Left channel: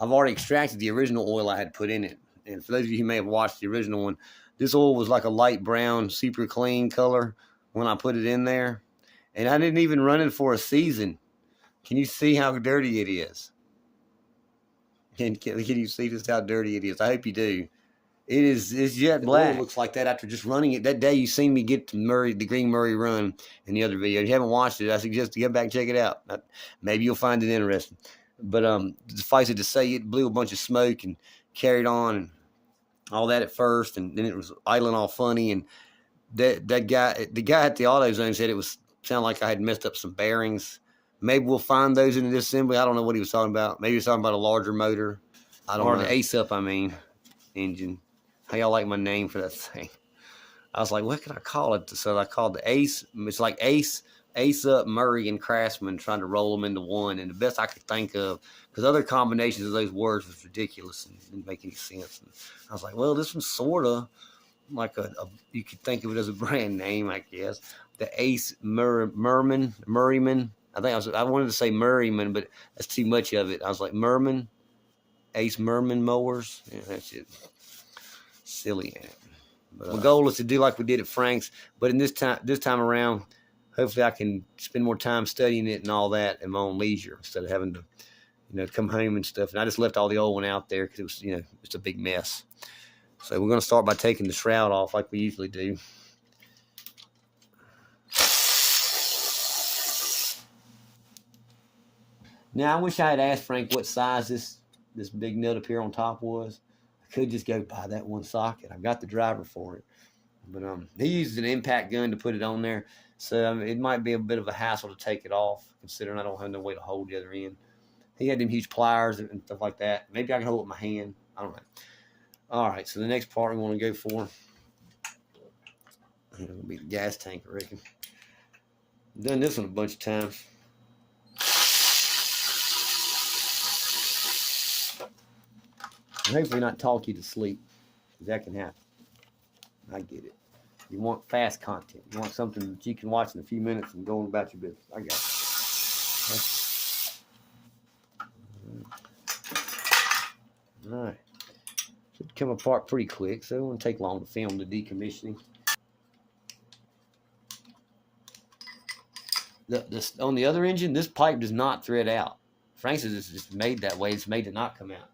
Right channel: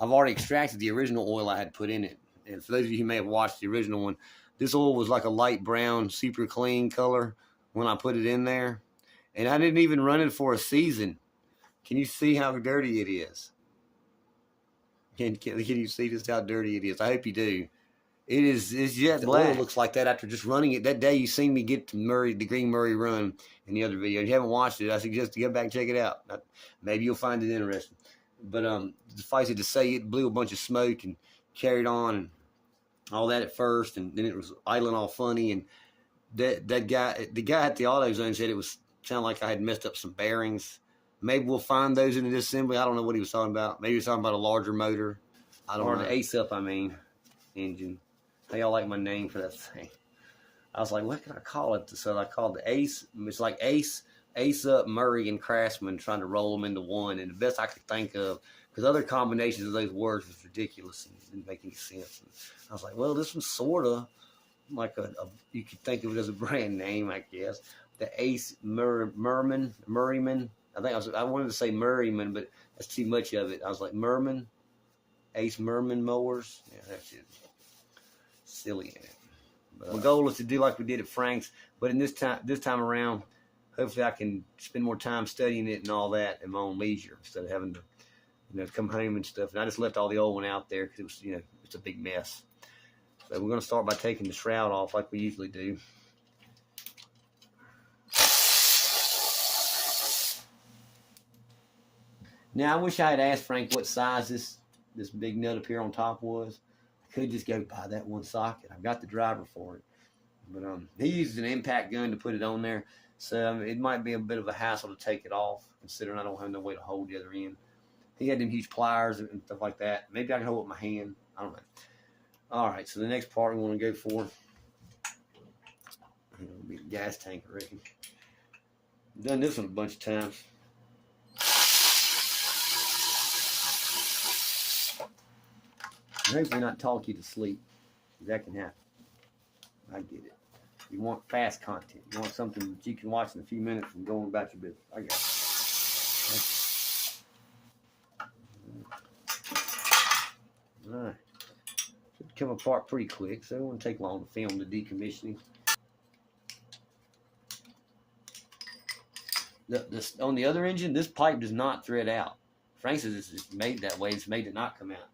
I've already extracted the original oil I had put in it. And for those of you who may have watched the original one, this oil was like a light brown, super clean color when I put it in there. And I didn't even run it for a season. Can you see how dirty it is? Can you see just how dirty it is? I hope you do. It's jet black. The oil looks like that after just running it. That day you seen me get to the Green Murray run in the other video. If you haven't watched it, I suggest you get back and check it out. Maybe you'll find it interesting. But suffice it to say, it blew a bunch of smoke and carried on and all that at first, and then it was idling all funny. And the guy at the AutoZone said it sounded like I had messed up some bearings. Maybe we'll find those in the disassembly. I don't know what he was talking about. Maybe he was talking about a larger motor. I don't know. Or the Ace Up, engine. How y'all like my name for that thing? I was like, what can I call it? So I called the Ace. It's like Ace Up, Murray, and Craftsman, trying to roll them into one. And the best I could think of, because other combinations of those words was ridiculous and didn't make any sense. And I was like, well, this one's sort of like you could think of it as a brand name, I guess. The Ace Murrayman. I wanted to say Murrayman, but that's too much of it. I was like, Merman, Ace Merman mowers. Yeah, that's it. Silly. But the goal is to do like we did at Frank's, but in this time around, hopefully I can spend more time studying it and all that at my own leisure instead of having to, come home and stuff. And I just left all the old one out there because it was, it's a big mess. So we're going to start by taking the shroud off like we usually do. Now, I wish I had asked Frank what size this big nut up here on top was. I could just go buy that one socket. I got the driver for it. But he used an impact gun to put it on there. So it might be a bit of a hassle to take it off, considering I don't have no way to hold the other end. He had them huge pliers and stuff like that. Maybe I can hold it with my hand. I don't know. All right, so the next part we want to go for, I think it'll be the gas tank, I reckon. I've done this one a bunch of times. And hopefully not talk you to sleep, because that can happen. I get it. You want fast content. You want something that you can watch in a few minutes and go on about your business. I got it. All right. Should come apart pretty quick, so it won't take long to film the decommissioning. On the other engine, this pipe does not thread out. Frank's is just made that way. It's made to not come out.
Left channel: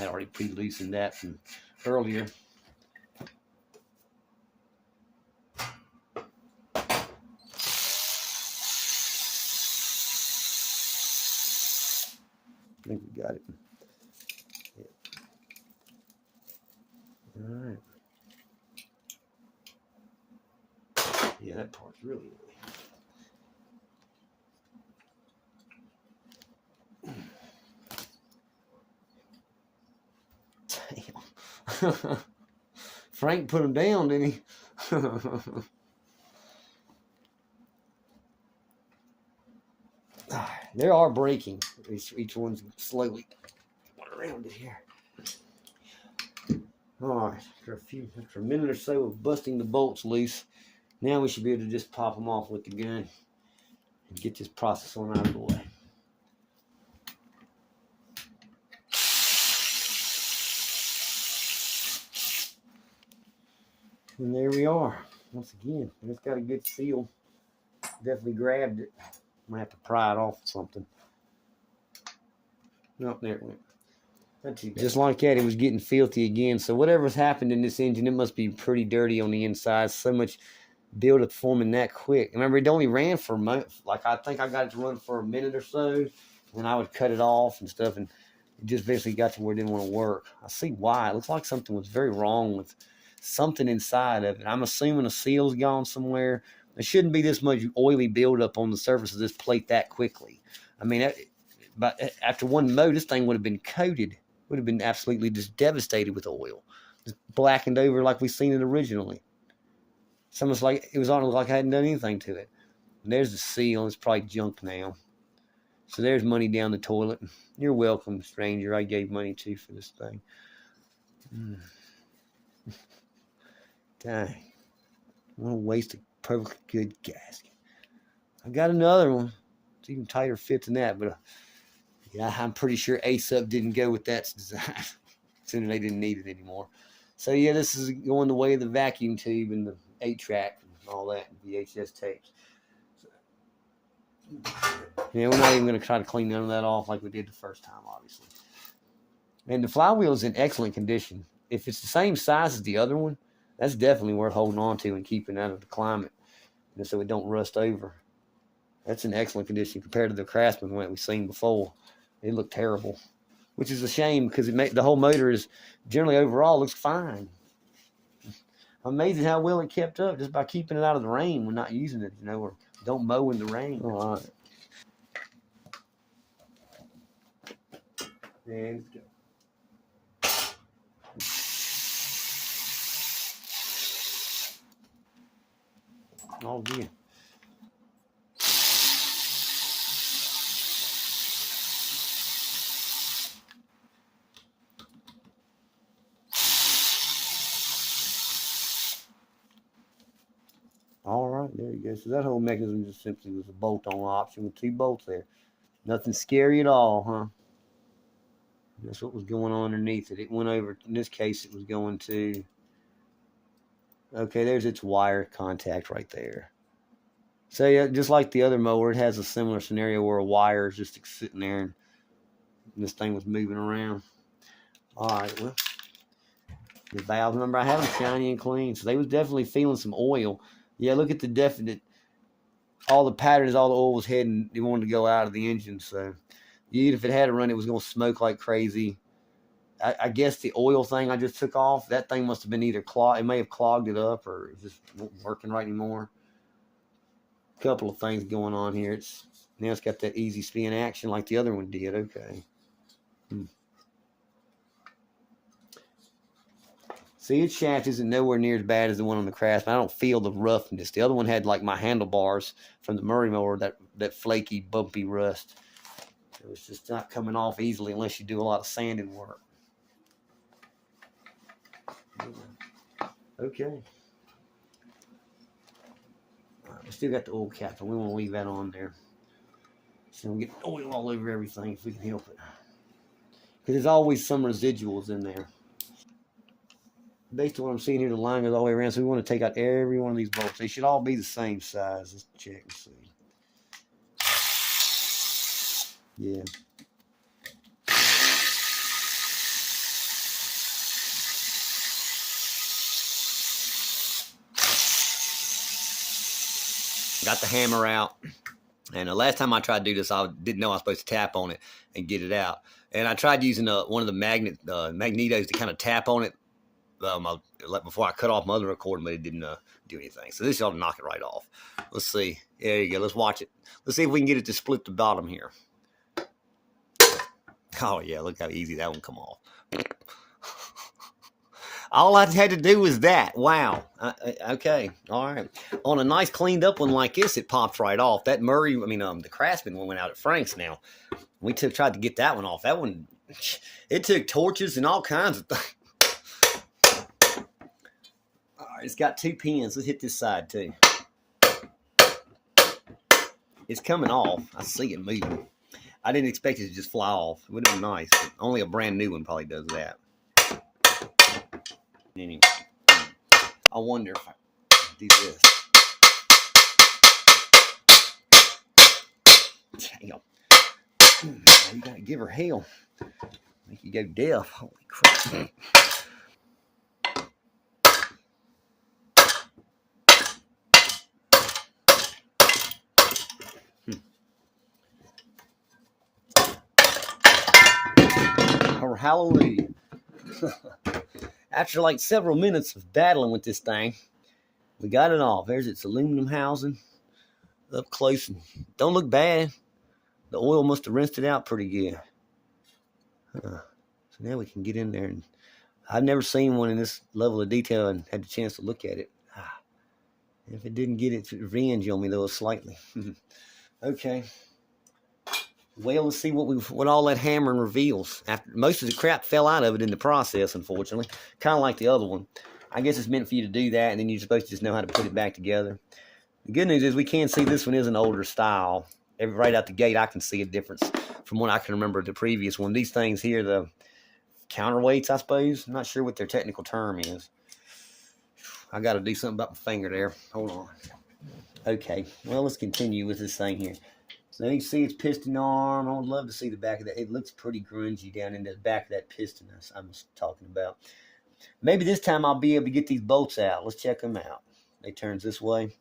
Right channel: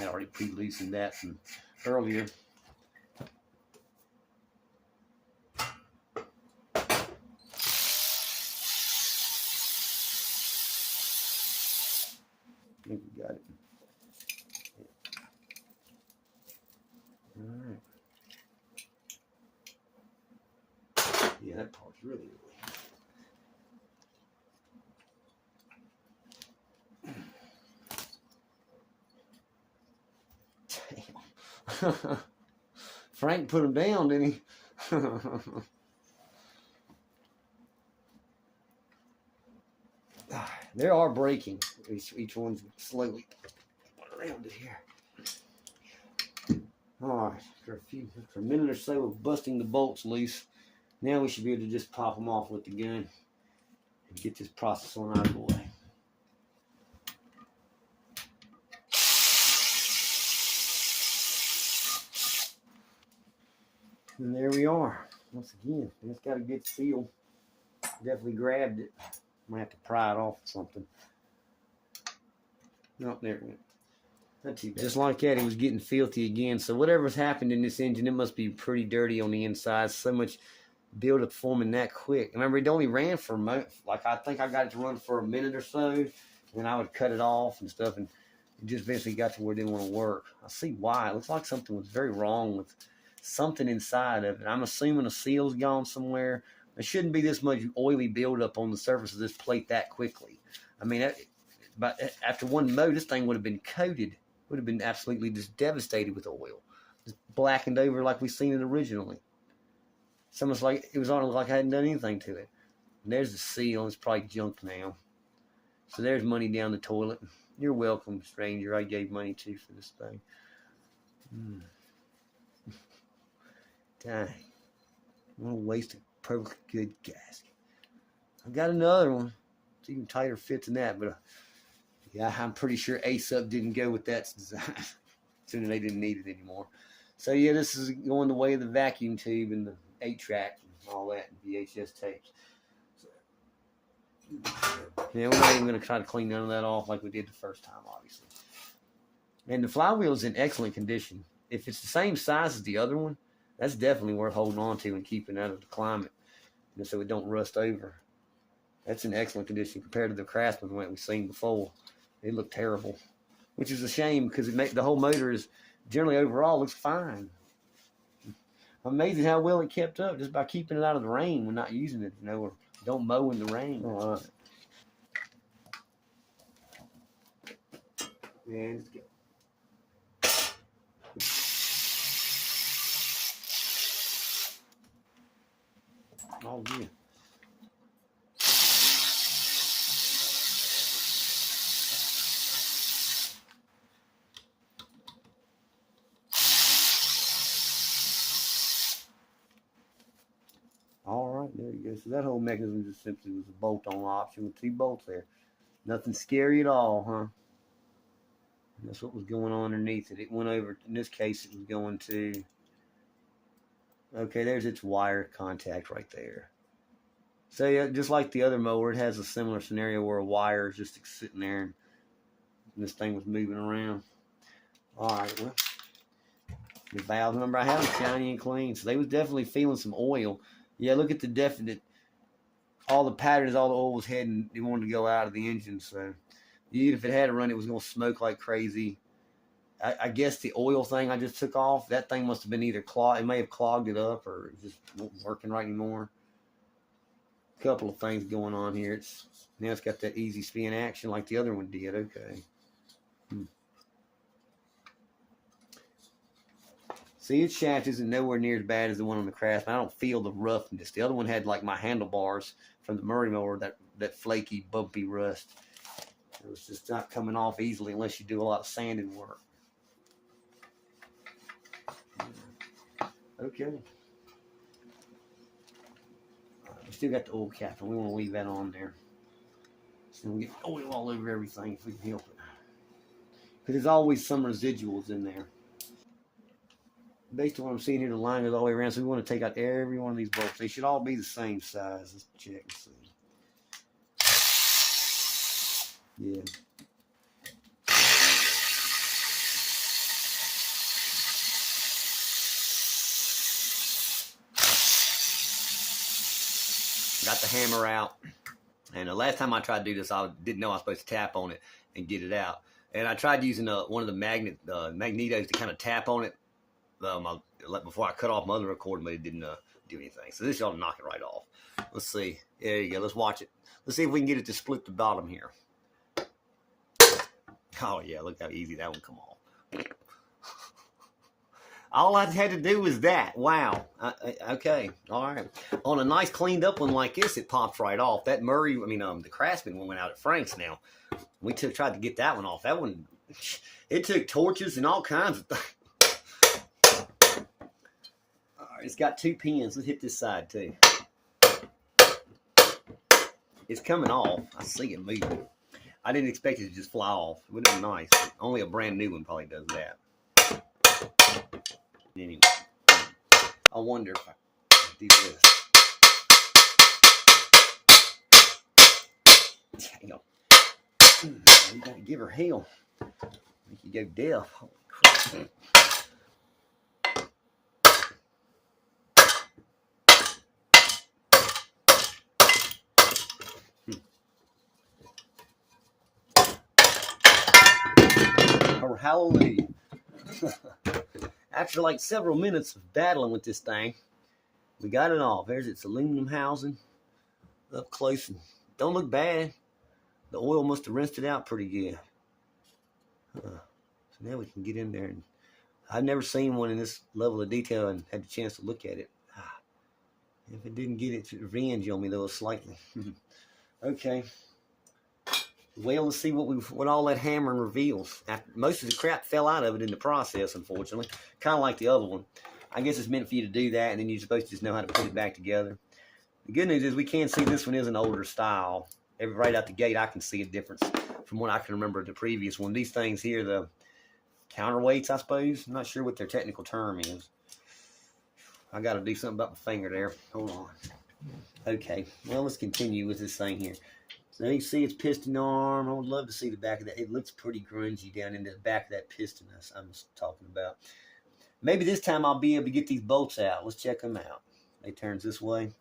I already pre-loosened that from earlier. I think we got it. Yeah. All right. Yeah, that part's really Damn. Frank put him down, didn't he? They are breaking. Each one's slowly around it here. All right, after a minute or so of busting the bolts loose, now we should be able to just pop them off with the gun and get this process on out of the way. And there we are. Once again, it's got a good seal. Definitely grabbed it. I'm gonna have to pry it off or something. No, there it went. Not too bad. Just like that, it was getting filthy again. So whatever's happened in this engine, it must be pretty dirty on the inside. So much buildup forming that quick. Remember, it only ran for a month. Like, I think I got it to run for a minute or so, and I would cut it off and stuff. And It just basically got to where it didn't want to work. I see why. It looks like something was very wrong with something inside of it. I'm assuming a seal's gone somewhere. There shouldn't be this much oily buildup on the surface of this plate that quickly. I mean, but after one mow, this thing would have been coated. Would have been absolutely just devastated with oil. Just blackened over like we seen it originally. It's almost like it was on like I hadn't done anything to it. And there's the seal. It's probably junk now. So there's money down the toilet. You're welcome, stranger. I gave money too for this thing. Dang. What a waste of perfectly good gasket. I've got another one. It's even tighter fit than that, but yeah, I'm pretty sure Ace-Up didn't go with that design. Sooner they didn't need it anymore. So yeah, this is going the way of the vacuum tube and the 8-track and all that, and VHS tapes. Yeah, we're not even going to try to clean none of that off like we did the first time, obviously. And the flywheel is in excellent condition. If it's the same size as the other one, that's definitely worth holding on to and keeping out of the climate, so it don't rust over. That's in excellent condition compared to the Craftsman one we've seen before. It looked terrible, which is a shame because the whole motor is generally overall looks fine. Amazing how well it kept up just by keeping it out of the rain when not using it, or don't mow in the rain. All right. And let's go. Oh, yeah. All right, there you go. So that whole mechanism just simply was a bolt-on option with 2 bolts there. Nothing scary at all, huh? And that's what was going on underneath it. It went over, in this case, it was going to, okay, there's its wire contact right there. So yeah, just like the other mower, it has a similar scenario where a wire is just sitting there and this thing was moving around. All right, well, the valves, remember, I had them shiny and clean, so they was definitely feeling some oil. Yeah, look at the definite, all the patterns, all the oil was heading, it wanted to go out of the engine, so even if it had to run, it was going to smoke like crazy. I guess the oil thing I just took off, that thing must have been either clogged, it may have clogged it up, or it just wasn't working right anymore. A couple of things going on here. Now it's got that easy spin action like the other one did. Okay. See, its shaft isn't nowhere near as bad as the one on the Craftsman. I don't feel the roughness. The other one had like my handlebars from the Murray mower, that flaky, bumpy rust. It was just not coming off easily unless you do a lot of sanding work. Okay. All right, we still got the oil cap, and we want to leave that on there. So we get oil all over everything if we can help it. Because there's always some residuals in there. Based on what I'm seeing here, the line goes all the way around, so we want to take out every one of these bolts. They should all be the same size. Let's check and see. Yeah. Got the hammer out. And the last time I tried to do this, I didn't know I was supposed to tap on it and get it out. And I tried using one of the magnetos to kind of tap on it before I cut off my other recording, but it didn't do anything. So this ought to knock it right off. Let's see. There you go. Let's watch it. Let's see if we can get it to split the bottom here. Oh, yeah. Look how easy that one come off. All I had to do was that. Wow. Okay. All right. On a nice cleaned up one like this, it pops right off. That the Craftsman one went out at Frank's now. We tried to get that one off. That one, it took torches and all kinds of things. All right. It's got 2 pins. Let's hit this side too. It's coming off. I see it moving. I didn't expect it to just fly off. It would have been nice. But only a brand new one probably does that. Anyway, I wonder if I do this. Damn. You gotta give her hell. Make you go deaf. Holy crap. Hallelujah. After like several minutes of battling with this thing, we got it off. There's its aluminum housing up close. And don't look bad. The oil must have rinsed it out pretty good. So now we can get in there. And I've never seen one in this level of detail and had the chance to look at it. If it didn't get its revenge on me, though, slightly. Okay. Well, let's see what all that hammering reveals. After most of the crap fell out of it in the process, unfortunately. Kind of like the other one. I guess it's meant for you to do that, and then you're supposed to just know how to put it back together. The good news is we can see this one is an older style. Right out the gate, I can see a difference from what I can remember the previous one. These things here, the counterweights, I suppose. I'm not sure what their technical term is. I got to do something about my finger there. Hold on. Okay, well, let's continue with this thing here. So you can see its piston arm. I would love to see the back of that. It looks pretty grungy down in the back of that piston I was talking about. Maybe this time I'll be able to get these bolts out. Let's check them out. They turns this way.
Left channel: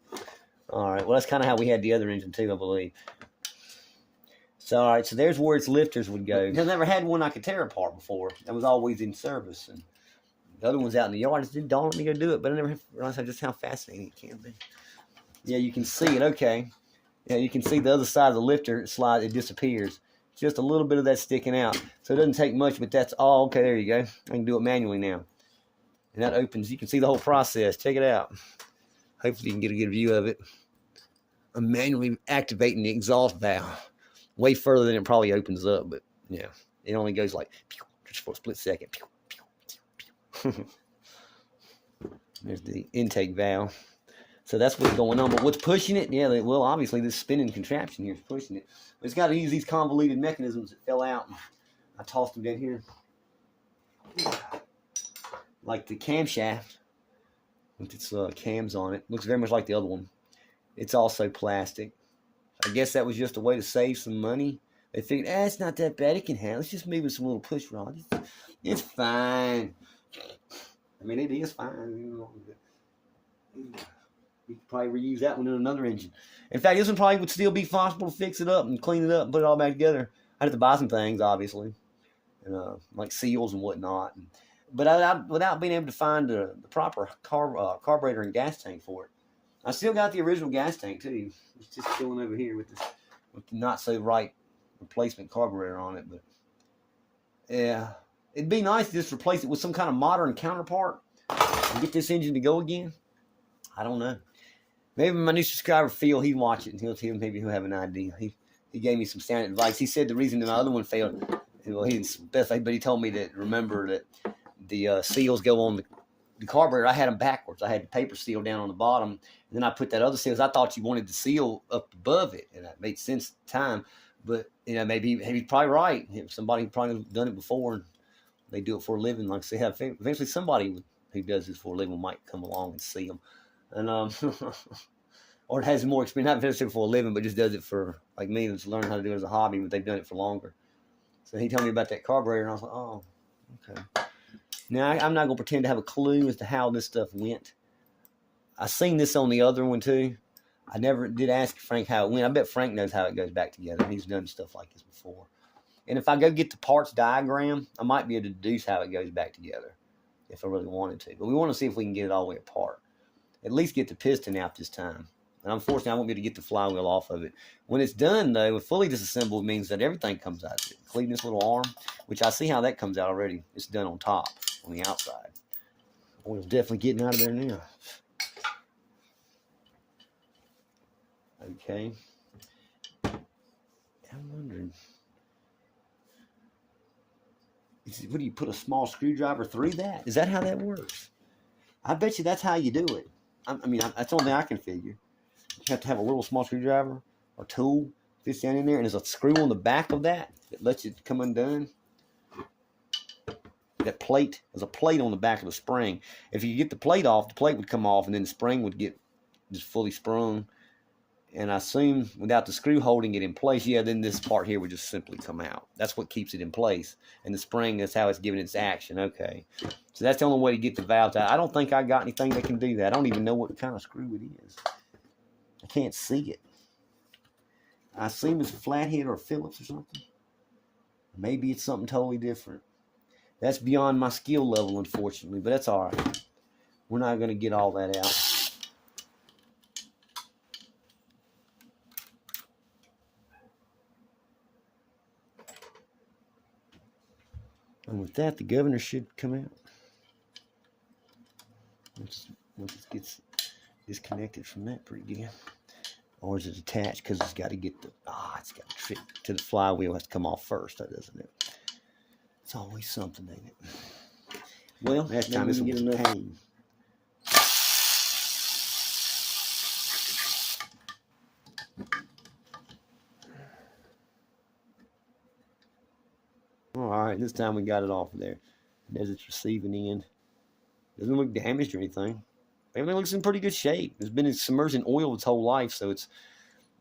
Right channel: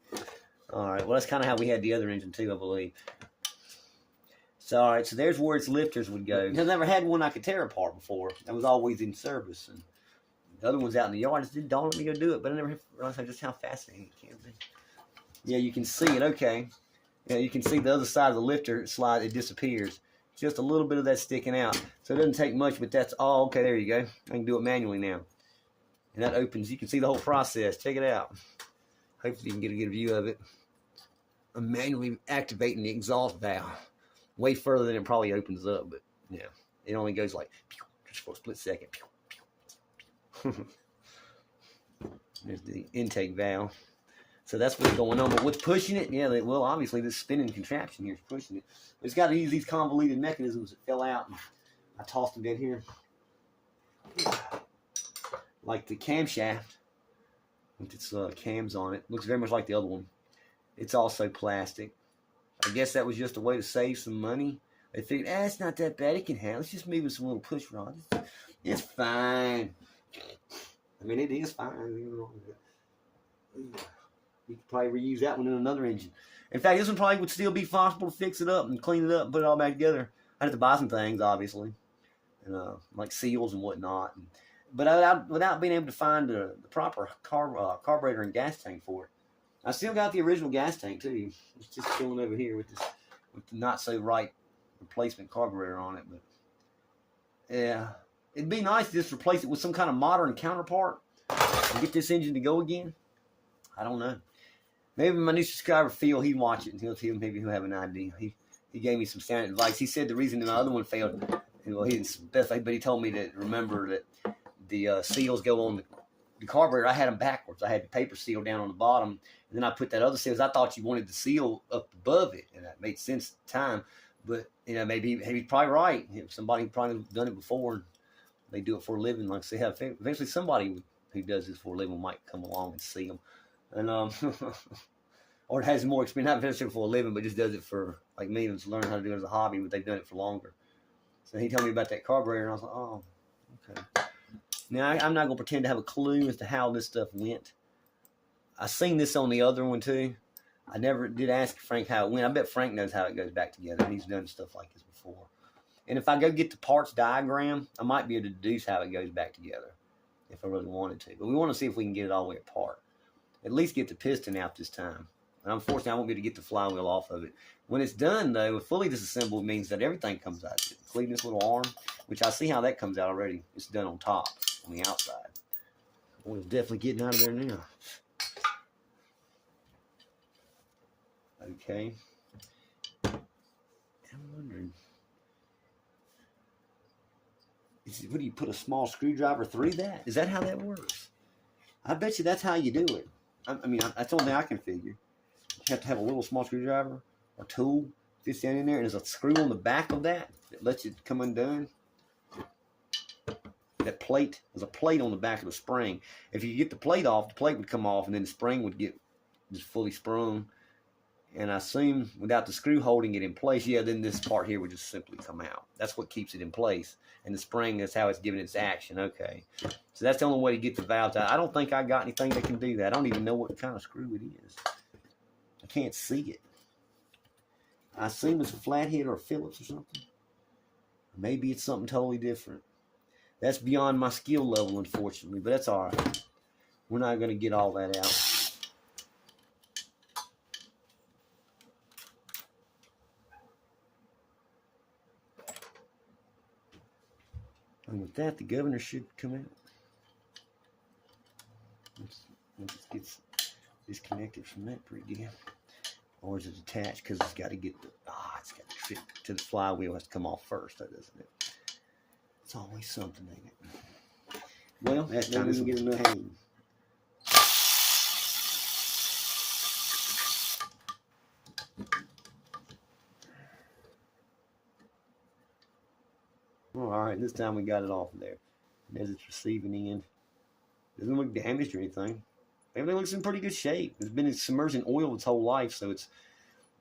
All right, well, that's kind of how we had the other engine too, I believe. So, all right, so there's where its lifters would go. I've never had one I could tear apart before. That was always in service. And the other one's out in the yard. It didn't dawn on me to go do it, but I never realized just how fascinating it can be. Yeah, you can see it. Okay. Yeah, you can see the other side of the lifter slide. It disappears. Just a little bit of that sticking out. So it doesn't take much, but that's all. Okay, there you go. I can do it manually now. And that opens. You can see the whole process. Check it out. Hopefully you can get a good view of it. I'm manually activating the exhaust valve. Way further than it probably opens up, but yeah, it only goes like just for a split second. There's the intake valve. So that's what's going on. But what's pushing it? Yeah, well, obviously this spinning contraption here is pushing it. But it's got to use these convoluted mechanisms that fell out. And I tossed them down here. Like the camshaft with its cams on it. Looks very much like the other one. It's also plastic. I guess that was just a way to save some money. They figured, it's not that bad. It can handle. Let's just move with some little push rods. It's fine. I mean, it is fine. You could probably reuse that one in another engine. In fact, this one probably would still be possible to fix it up and clean it up and put it all back together. I'd have to buy some things, obviously, and like seals and whatnot. But without being able to find the proper carburetor and gas tank for it. I still got the original gas tank too. It's just chilling over here with the not so right replacement carburetor on it. But yeah, it'd be nice to just replace it with some kind of modern counterpart and get this engine to go again. I don't know. Maybe my new subscriber Phil, he'd watch it and maybe he'll have an idea. He gave me some sound advice. He said the reason the other one failed, well, he didn't, but he told me to remember that the seals go on the carburetor. I had them backwards. I had the paper seal down on the bottom. And then I put that other seal. I thought you wanted the seal up above it, and that made sense at the time. But maybe he's probably right. Somebody probably done it before, and they do it for a living. Like I say, eventually somebody who does this for a living might come along and see them, and or it has more experience, not necessarily for a living, but just does it for like me, that's learning how to do it as a hobby. But they've done it for longer. So he told me about that carburetor, and I was like, oh, okay. Now I'm not gonna pretend to have a clue as to how this stuff went. I seen this on the other one too. I never did ask Frank how it went. I bet Frank knows how it goes back together. He's done stuff like this before. And if I go get the parts diagram, I might be able to deduce how it goes back together if I really wanted to. But we want to see if we can get it all the way apart. At least get the piston out this time. And unfortunately, I won't be able to get the flywheel off of it. When it's done, though, fully disassembled means that everything comes out of it, including this little arm, which I see how that comes out already. It's done on top, on the outside. Oil's definitely getting out of there now. Okay. I'm wondering. What do you put a small screwdriver through that? Is that how that works? I bet you that's how you do it. I mean, that's the only thing I can figure. You have to have a little small screwdriver or tool fits down in there, and there's a screw on the back of that lets it come undone. That plate, there's a plate on the back of the spring. If you get the plate off, the plate would come off, and then the spring would get just fully sprung. And I assume without the screw holding it in place, then this part here would just simply come out. That's what keeps it in place. And the spring is how it's giving its action. Okay. So that's the only way to get the valves out. I don't think I got anything that can do that. I don't even know what kind of screw it is. I can't see it. I assume it's a flathead or Phillips or something. Maybe it's something totally different. That's beyond my skill level, unfortunately, but that's all right. We're not going to get all that out. And with that, the governor should come out. Once it gets disconnected from that pretty good. Or is it attached? Because it's got to get it's got to fit to the flywheel. Has to come off first, doesn't it? It's always something, ain't it? Well, that time this will get enough pain. All right, this time we got it off there. There's its receiving end. Doesn't look damaged or anything. Everything looks in pretty good shape. It's been submerged in oil its whole life, so it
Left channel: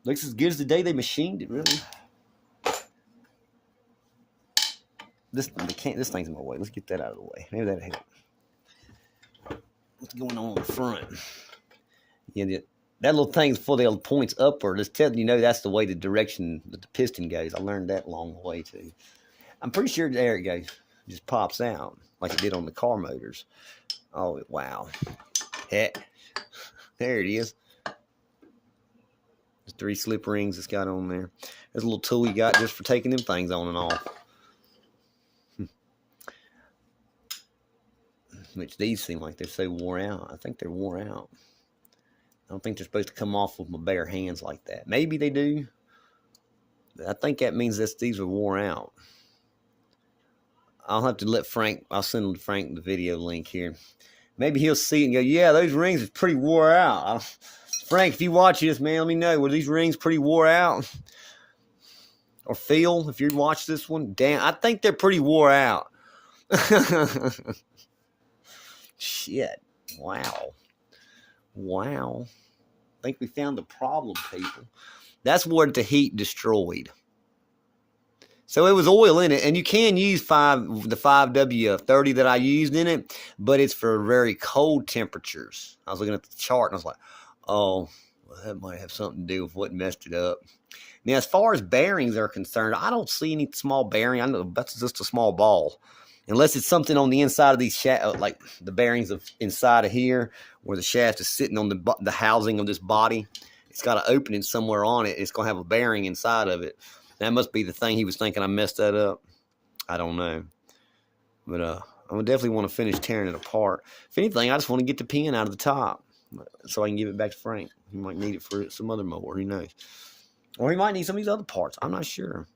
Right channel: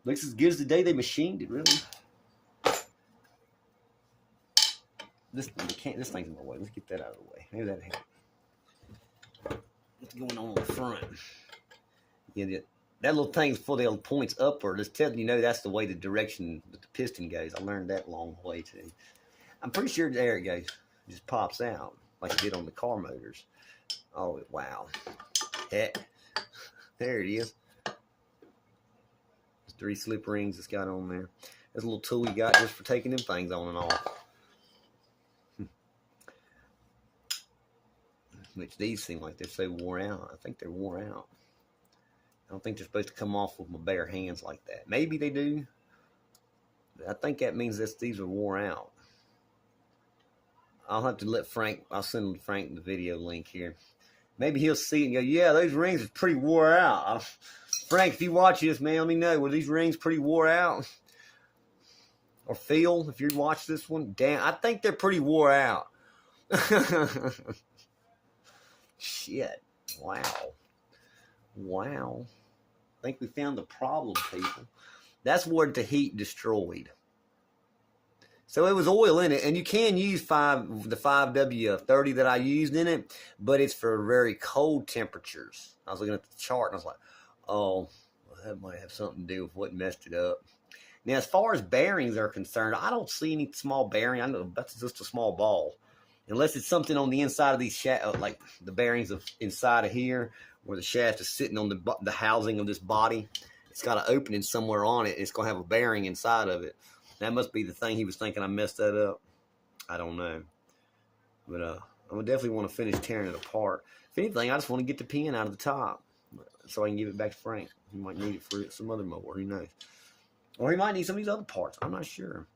looks as good as the day they machined it, really. This thing's in my way. Let's get that out of the way. Maybe that'll help. What's going on the front? Yeah, that little thing's full of the points upward. It's telling you that's the way the direction that the piston goes. I learned that along the way too. I'm pretty sure there it goes. It just pops out like it did on the car motors. Oh wow! Heck, there it is. There's 3 slip rings it's got on there. There's a little tool you got just for taking them things on and off. Which these seem like they're so wore out. I think they're wore out. I don't think they're supposed to come off with my bare hands like that. Maybe they do. I think that means that these are wore out. I'll have to let Frank, I'll send Frank the video link here. Maybe he'll see it and go, yeah, those rings are pretty wore out. Frank, if you watch this, man, let me know. Were these rings pretty wore out? Or Phil, if you watch this one, damn, I think they're pretty wore out. Shit. Wow. Wow. I think we found the problem, people. That's what the heat destroyed. So it was oil in it, and you can use the 5W30 that I used in it, but it's for very cold temperatures. I was looking at the chart, and I was like, oh, well, that might have something to do with what messed it up. Now, as far as bearings are concerned, I don't see any small bearing. I know that's just a small ball. Unless it's something on the inside of these like the bearings of inside of here, where the shaft is sitting on the housing of this body. It's got an opening somewhere on it. It's going to have a bearing inside of it. That must be the thing he was thinking I messed that up. I don't know. But I would definitely want to finish tearing it apart. If anything, I just want to get the pin out of the top so I can give it back to Frank. He might need it for some other mower. Who knows? Or he might need some of these other parts. I'm not sure.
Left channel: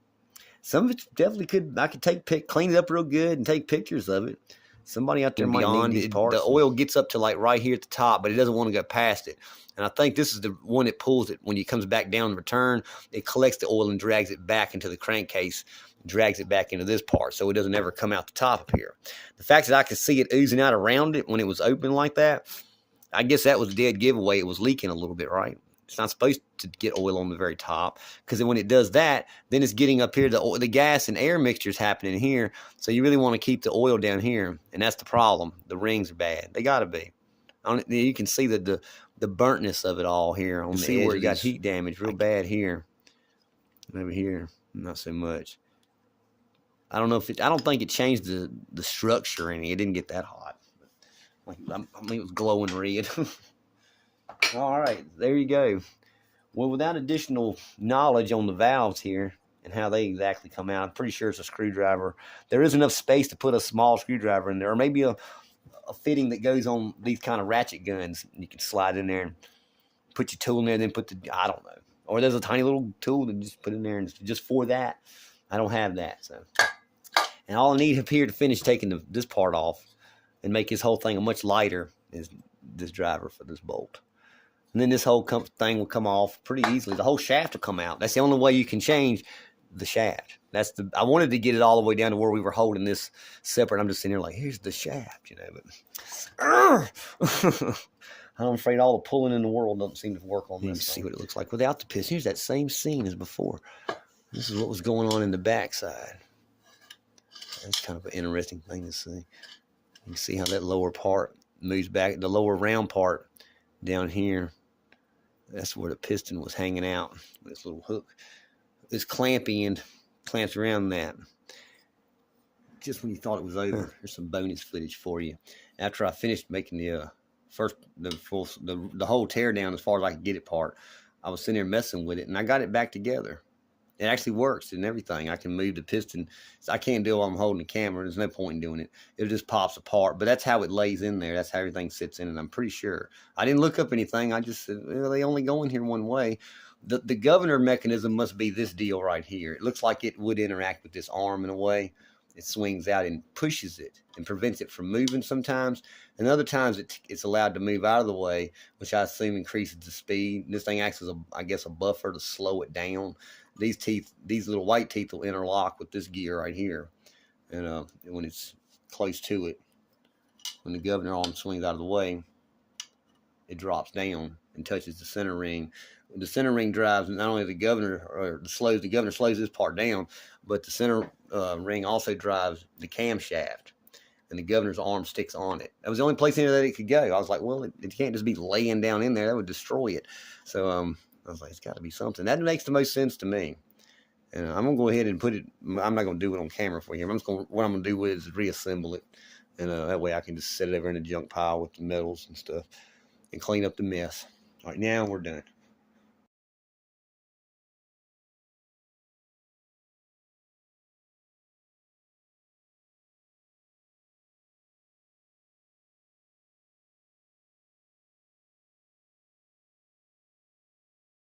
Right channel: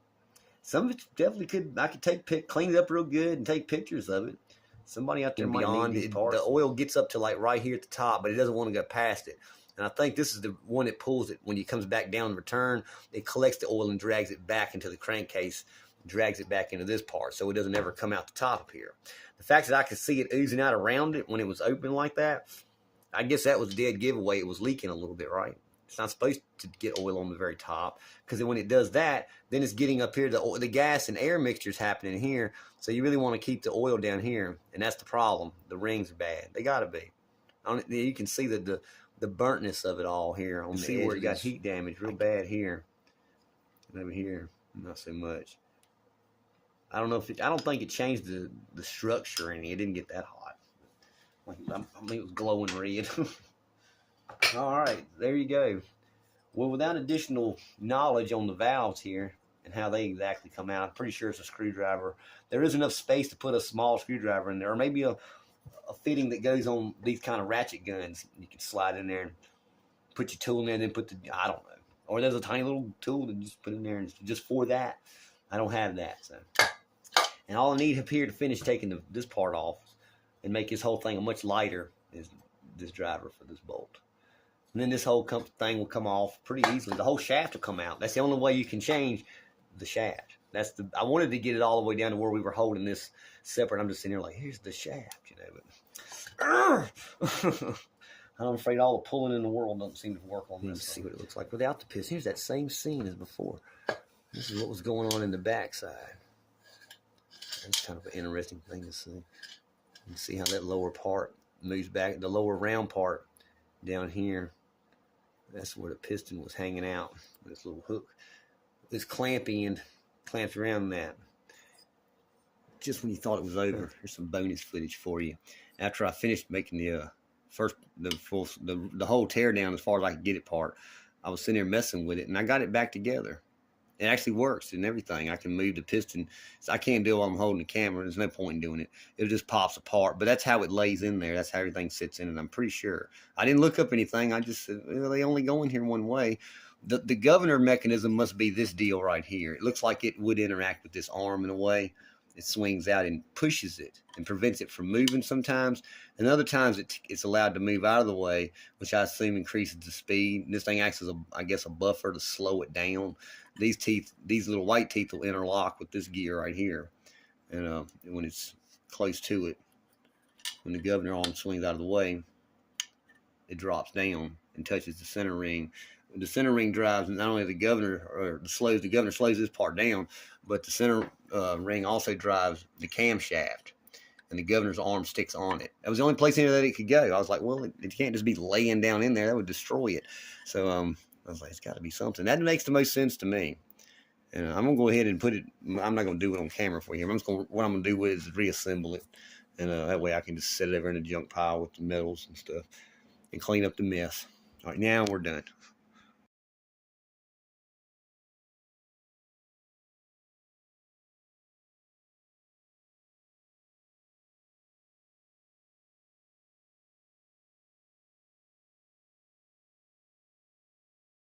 Some of it definitely could. I could clean it up real good and take pictures of it. Somebody out there might need these parts. The oil gets up to like right here at the top, but it doesn't want to go past it. And I think this is the one that pulls it when it comes back down in return. It collects the oil and drags it back into the crankcase, drags it back into this part, so it doesn't ever come out the top of here. The fact that I could see it oozing out around it when it was open like that, I guess that was a dead giveaway. It was leaking a little bit, right? It's not supposed to get oil on the very top, because when it does that, then it's getting up here. The gas and air mixture is happening here, so you really want to keep the oil down here, and that's the problem. The rings are bad. They got to be. You can see the burntness of it all here on the edge. Where it got heat damage real bad here. And over here, not so much. I don't know if I don't think it changed the structure any. It didn't get that hot. Like, I mean, it was glowing red. All right, there you go. Well, without additional knowledge on the valves here and how they exactly come out, I'm pretty sure it's a screwdriver. There is enough space to put a small screwdriver in there, or maybe a fitting that goes on these kind of ratchet guns. You can slide in there and put your tool in there, then put I don't know. Or there's a tiny little tool that just put in there and just for that. I don't have that. So, and all I need up here to finish taking this part off and make this whole thing much lighter is this driver for this bolt. And then this whole thing will come off pretty easily. The whole shaft will come out. That's the only way you can change the shaft. I wanted to get it all the way down to where we were holding this separate. I'm just sitting here like, here's the shaft, but I'm afraid all the pulling in the world doesn't seem to work on this. See what it looks like without the piston. Here's that same scene as before. This is what was going on in the backside. That's kind of an interesting thing to see. You can see how that lower part moves back. The lower round part down here, that's where the piston was hanging out. This little hook. This clampy end clamps around that. just when you thought it was over, here's some bonus footage for you. After I finished making the whole tear down as far as I could get it part, I was sitting there messing with it, and I got it back together. It actually works and everything. I can move the piston. So I can't do it while I'm holding the camera. There's no point in doing it. It just pops apart. But that's how it lays in there. That's how everything sits in it. I'm pretty sure. I didn't look up anything. I just said, well, they only go in here one way. The governor mechanism must be this deal right here. It looks like it would interact with this arm in a way. It swings out and pushes it and prevents it from moving sometimes. And other times it's allowed to move out of the way, which I assume increases the speed. And this thing acts as, I guess, a buffer to slow it down. These little white teeth will interlock with this gear right here. And when it's close to it, when the governor arm swings out of the way, it drops down and touches the center ring. The center ring drives not only the governor slows this part down, but the center ring also drives the camshaft, and the governor's arm sticks on it. That was the only place in there that it could go. I was like, well, it can't just be laying down in there. That would destroy it. So I was like, it's got to be something. That makes the most sense to me. And I'm going to go ahead and put it, I'm not going to do it on camera for you. What I'm going to do is reassemble it. And that way I can just set it over in a junk pile with the metals and stuff and clean up the mess. All right, now we're done.